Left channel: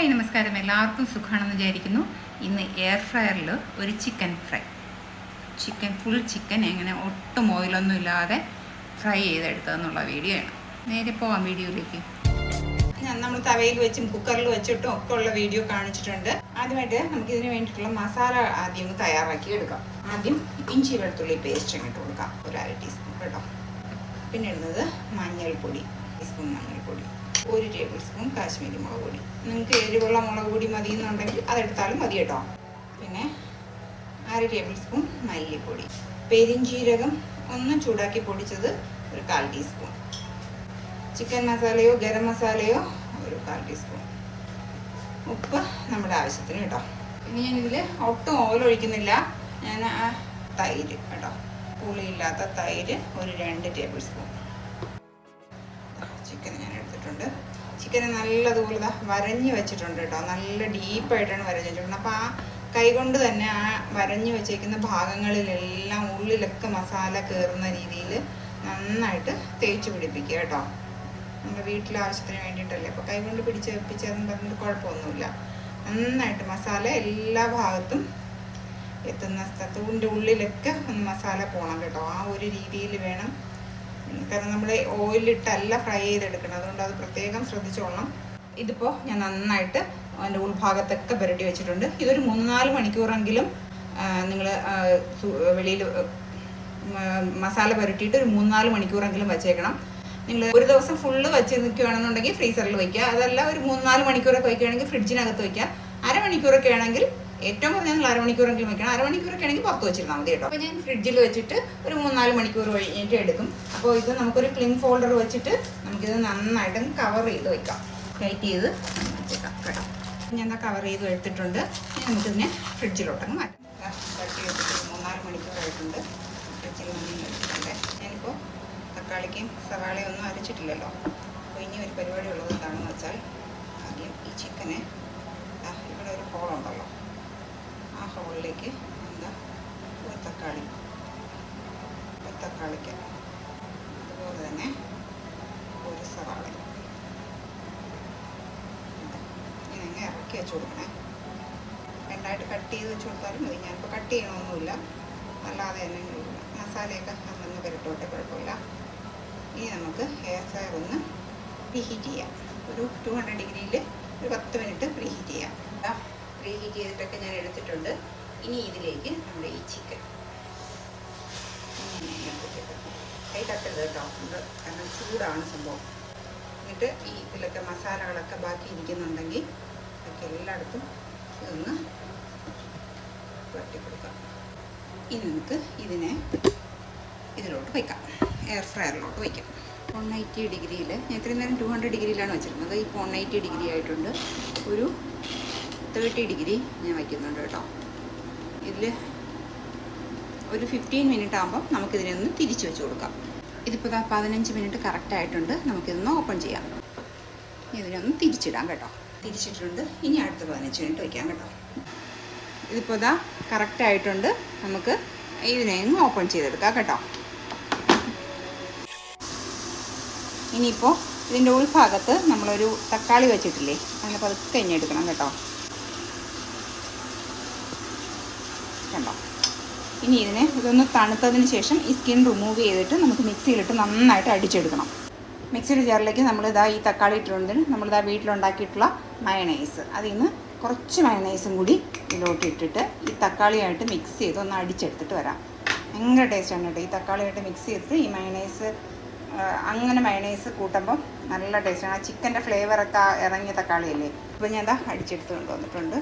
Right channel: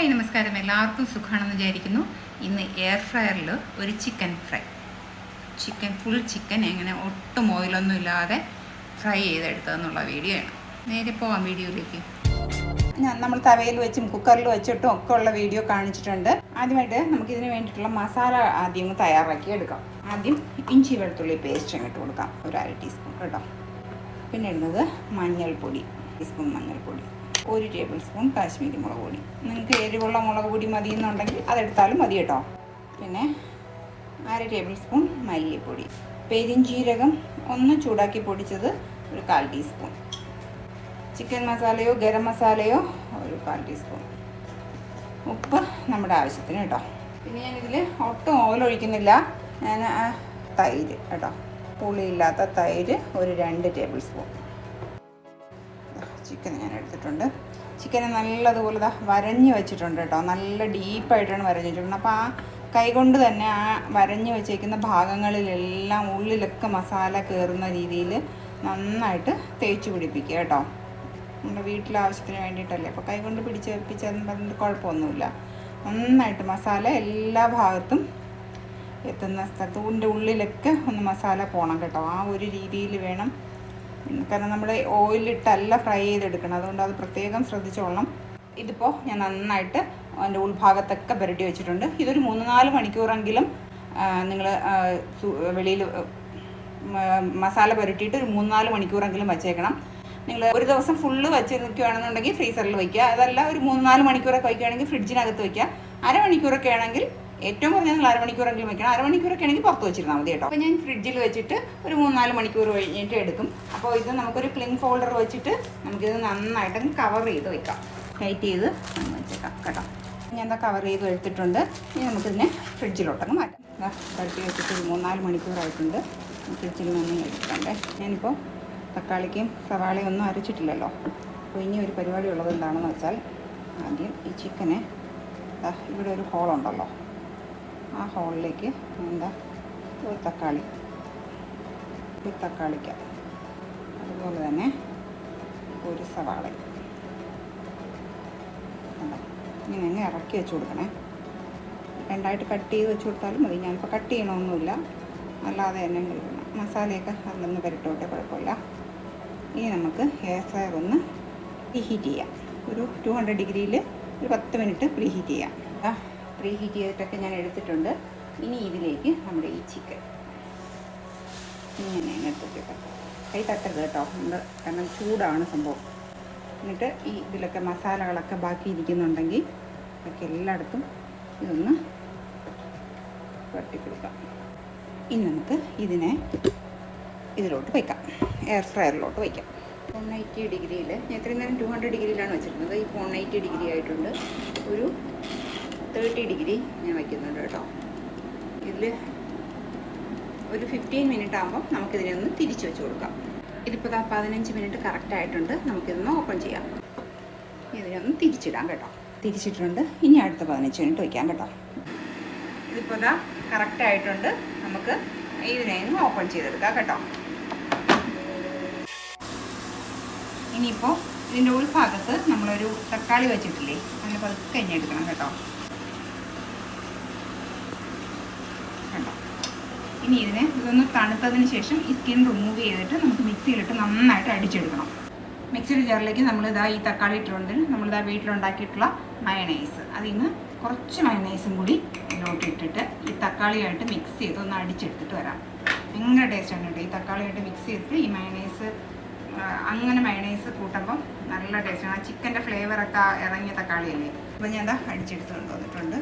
Hi നമസ്കാരം, എല്ലാവർക്കും സുഖമാണെന്ന് വിചാരിക്കുന്നു. ഇന്ന് എയർ ഫ്രയറിൽ ഒരു ഫുൾ ചിക്കൻ എങ്ങനെ ഒട്ടും ഓയിലൊന്നും ഇല്ലാതെ ഫ്രൈ ചെയ്തെടുത്തതെന്നുള്ള വീഡിയോ ആണ്. നേരെ പോവാം വീഡിയോയിലേക്ക്. നമ്മൾ തവയിൽ വെച്ചും കുക്കറിൽ വെച്ചിട്ടും ഒക്കെ ഉള്ള വീഡിയോ കാണിച്ചിട്ടുണ്ട്. ആദ്യമായിട്ട് നമുക്കിതിന് വേണ്ടിയിട്ടുള്ള മസാല ആദ്യം ഒന്ന് തയ്യാറാക്കി എടുക്കാം. ആദ്യം ഇഞ്ചി വെളുത്തുള്ളി പേസ്റ്റ് ഇട്ട് കൊടുക്കാം, ഒരു 1/2 ടീസ്പൂൺ കേട്ടോ. പിന്നെ ഇടുന്നത് മഞ്ഞൾപ്പൊടി, ടീസ്പൂൺ മഞ്ഞൾപ്പൊടി, 1 ടേബിൾ സ്പൂൺ കാശ്മീരി മുളക് പൊടി. നിങ്ങൾക്ക് എരിവുള്ള മുളക് പൊടി മതി എന്നുണ്ടെങ്കിൽ അതെടുത്താലും മതി കേട്ടോ. പിന്നെ 1/2 ടേബിൾ സ്പൂൺ മല്ലിപ്പൊടി, പെരിഞ്ജീരകം ഒന്ന് ചൂടാക്കി പൊടിച്ചത് ഒരു 1/4 ടീസ്പൂൺ, ചിക്കൻ മസാലയോ ഗരം മസാലയോ ഒരു 1/4 ടീസ്പൂൺ, ഉപ്പ് നമ്മുടെ ആവശ്യത്തിന് കേട്ടോ. പിന്നെ ഞാനിതിൽ ഒട്ടും ഓയിൽ ഒഴിക്കുന്നില്ല. ഞാൻ തൈര് കേട്ടോ, പുളിയില്ലാത്ത തൈര് ഒരു 2 ടേബിൾ സ്പൂൺ. ചിക്കൻ ഞാൻ എടുത്തിട്ടുണ്ട്. ചിക്കനെ നല്ലതുപോലെ വരഞ്ഞ് വെച്ചിട്ടുണ്ട് കേട്ടോ, നല്ല ഡീപ്പായിട്ടാണ് വരഞ്ഞ് വെച്ചിട്ടുണ്ട്. അപ്പോൾ ആ കൈ കൊണ്ട് തന്നെ ആ വരഞ്ഞ് വെച്ചേക്കുന്ന ഭാഗങ്ങളിലെല്ലാം ഉള്ളിലൊക്കെ മസാല കയറുന്ന രീതിയിൽ നന്നായിട്ട് തേച്ച് പിടിപ്പിക്കുക കേട്ടോ. നമ്മുടെ വീട്ടിലെ ആവശ്യത്തിന് വേണ്ടിയിട്ടല്ലേ, അപ്പോൾ കൈ കൊണ്ട് പിടിച്ച് വെപ്പിച്ചതെന്ന് പറഞ്ഞിട്ട് കുഴപ്പമൊന്നുമില്ല. നന്നായിട്ട് മസാല എല്ലാ ഭാഗത്തും എത്തുന്ന സ്ഥലത്തിൻ്റെ ഉള്ളിലൊക്കെ ഒന്ന് മസാല പോകണം കേട്ടോ. ആ ഒരു രീതിയിൽ വേണം, കാരണം നമ്മുടെ ഓയിലിട്ടല്ല ഫ്രൈ ചെയ്തെടുക്കണം, അതുകൊണ്ട് അത് പ്രത്യേകം ശ്രദ്ധിച്ചോളണം. ഇതിപ്പോൾ ഞാൻ നന്നായിട്ട് അതിൻ്റെ ഉൾഭാഗത്തൊക്കെ പുരട്ടി വെച്ചിട്ടുണ്ട്. ഇതൊരു 3-4 മണിക്കൂറെങ്കിലും നിങ്ങൾ വെളിയിൽ മസാല പുരട്ടിയിട്ട് ഒരു 3-4 മണിക്കൂറെങ്കിലും വെച്ചേക്കണം. നിങ്ങൾ ഒരു ദിവസം ഫുള്ള് വെച്ച് നിൽക്കുകയാണെന്നുണ്ടെങ്കിൽ ഫ്രീസറിൽ വയ്ക്കുക. അതല്ല ഒരു 3-4 മണിക്കൂറൊക്കെ വയ്ക്കുകയാണെങ്കിൽ ഫ്രിഡ്ജിനകത്ത് വയ്ക്കുക. അരമണിക്കൂറൊക്കെ ആണെങ്കിൽ ഏറ്റവും കുറഞ്ഞ നിങ്ങൾ 1/2 മണിക്കൂറെങ്കിലും വെക്കണം. 1/2 മണിക്കൂറൊക്കെ ആണെങ്കിൽ പുറത്ത് വെച്ചിരുന്നാൽ മതി കേട്ടോ. അപ്പോൾ ഞാൻ ഫ്രിഡ്ജിൽ വെച്ചിട്ട് ഒരു 3-4 മണിക്കൂർ കഴിഞ്ഞിട്ട് എടുക്കും. അപ്പോൾ ഇത് നമുക്കൊരു ക്ലിൻ ഫോൾഡർ വെച്ചിട്ട് നമുക്കിത് നന്നായിട്ട് കവർ ചെയ്ത് വെക്കാം, ടൈറ്റ് ചെയ്ത് വെച്ചേക്കാം കേട്ടോ. ഞാൻ എന്താ കവർ ചെയ്ത് എടുത്തിട്ടുണ്ട്. ഇനി നമുക്കിതിനെ ഫ്രിഡ്ജിലോട്ടങ്ങ് മാറ്റാം. കളക്കി എടുത്തിട്ട് 3-4 മണിക്കൂറായിട്ടുണ്ട്. ഫ്രിഡ്ജിൽ നിന്ന് എടുത്തിട്ടുണ്ട്. ഞാനിപ്പോൾ തക്കാളിക്കും സവാളയും ഒന്നും അരച്ചിട്ടില്ലല്ലോ. അപ്പോൾ ഇനി ഒരു പരിപാടി ഉള്ളത് എന്താണെന്ന് വെച്ചാൽ, ആദ്യം ഈ ചിക്കനെ ഇവിടെ ഒരു ഹോളുണ്ടല്ലോ, ആ ഹോളിലേക്ക് എന്താ ഒരു തക്കാളിക്ക, അതുപോലെ തന്നെ ഒരു സവാള ഇങ്ങനെ ഇറക്കി വെച്ച് കൊടുക്കണേ. രണ്ടായിട്ട് കട്ട് ചെയ്ത് വെച്ച് കൊടുത്താലും മതി. ഞാനിപ്പോൾ കട്ട് ചെയ്യണമൊന്നുമില്ല, അല്ലാതെ തന്നെ കൊടുക്കണം. മസാലയൊക്കെ അതൊന്ന് പുരട്ടോട്ടെ, കുഴപ്പമില്ല. ഇനി നമുക്ക് എയർ ഫ്രയർ ഒന്ന് പ്രീഹീറ്റ് ചെയ്യാം. ഒരു 200 ഡിഗ്രിയിൽ ഒരു 10 മിനിറ്റ് പ്രീഹീറ്റ് ചെയ്യാം. പ്രീഹീറ്റ് ചെയ്തിട്ടൊക്കെ ഞാൻ എടുത്തിട്ടുണ്ട്. ഇനി ഇതിലേക്ക് നമ്മുടെ ഈ ചിക്കൻ ഇങ്ങനെ എടുത്തിട്ട് കൈ തട്ടരുത് കേട്ടോ, നമ്മൾ കാരണം ചൂടാണ് സംഭവം. എന്നിട്ട് ഈ ഇതിലൊക്കെ മസാലകളൊക്കെ ബാക്കി ഇരിക്കുന്നുണ്ടെങ്കിൽ അതൊക്കെ എല്ലായിടത്തും ഇതൊന്ന് തട്ടിക്കൊടുക്കാം. ഇനി നമുക്ക് ഇതിനെ ഇതിലോട്ട് വയ്ക്കാം, എയർ ഫ്രയറിലോട്ട് വയ്ക്കാം. 180 ഡിഗ്രിയിൽ, ഞാൻ ഇത്രയും നേരം 200 ഡിഗ്രിയിലാണ് വെച്ചിരുന്നത്. ഇപ്പോൾ 180 ഡിഗ്രി ആയിട്ടുണ്ട്. ഒരു 30 ഡിഗ്രി ഞാൻ വയ്ക്കുന്നുണ്ട് കേട്ടോ. ഇതിൽ ഒരു 15 മിനിറ്റ് ആകുമ്പം നമുക്കിതിനെ ഒന്ന് തിരിച്ച് വെച്ച് കൊടുക്കാം. ഇതിപ്പോൾ 15 മിനിറ്റ് കറക്റ്റ് ആയിട്ടുണ്ട്. നമുക്കിതൊന്ന് ഓപ്പൺ ചെയ്യാം. ഇതിനൊന്ന് തിരിച്ചിടാം കേട്ടോ. തിരിച്ചിട്ടുണ്ട്. ഇനി അടുത്ത 15 മിനിറ്റ് വയ്ക്കാം കേട്ടോ. ഇതിപ്പോൾ കറക്റ്റ് ആയിട്ടുണ്ട്. നമുക്ക് ഇതിനെ ഒന്ന് ഓപ്പൺ ചെയ്തെടുക്കാം കേട്ടോ. ഇനിയിപ്പോൾ ഇതിൻ്റെ ഉൾഭാഗത്ത് നമ്മളൊരു തക്കാളി വെച്ചിട്ടില്ലേ, അങ്ങനെ പതുക്കെ ഇനി എടുക്കണം കേട്ടോ. കണ്ടോ? ഇനി ഇതൊന്ന് തണുത്തതിന് ശേഷം ഈ സ്കിൻ റിമൂവ് ചെയ്തിട്ട് നമുക്ക് മിക്സിയിലിട്ട് നന്നായിട്ട് അടിച്ചെടുക്കണം. മിക്സിയുടെ ജാറിലേക്ക് ഈ തക്കാളി ഇട്ടിട്ടുണ്ട്. നമ്മളിതാ വീട്ടിലുണ്ടാക്കിയിട്ടുള്ള മയണൈസ്, അതിൽ നിന്ന് കുറച്ച് മയണൈസും കൂടി ഇതിലോട്ട് ഇട്ടിട്ട് ഈ തക്കാളിയായിട്ട് മിക്സ് ചെയ്ത് ഒന്ന് അടിച്ചെടുത്തിട്ട് വരാം. ഭയങ്കര ടേസ്റ്റാണ് കേട്ടോ. ഈ തക്കാളിയായിട്ട് മിക്സ് ചെയ്തിട്ട് ഈ മയണൈസ്, അങ്ങനെ മയണൈസ് കൂട്ടുമ്പം നല്ല ടേസ്റ്റാണ്. ആ ചിക്കൻ്റെ ഫ്ലേവറൊക്കെ ഇറങ്ങിയ തക്കാളിയല്ലേ. ഇപ്പോൾ ഞാൻ അടിച്ചെടുത്ത് കൊണ്ടുവന്നിട്ടുണ്ട്.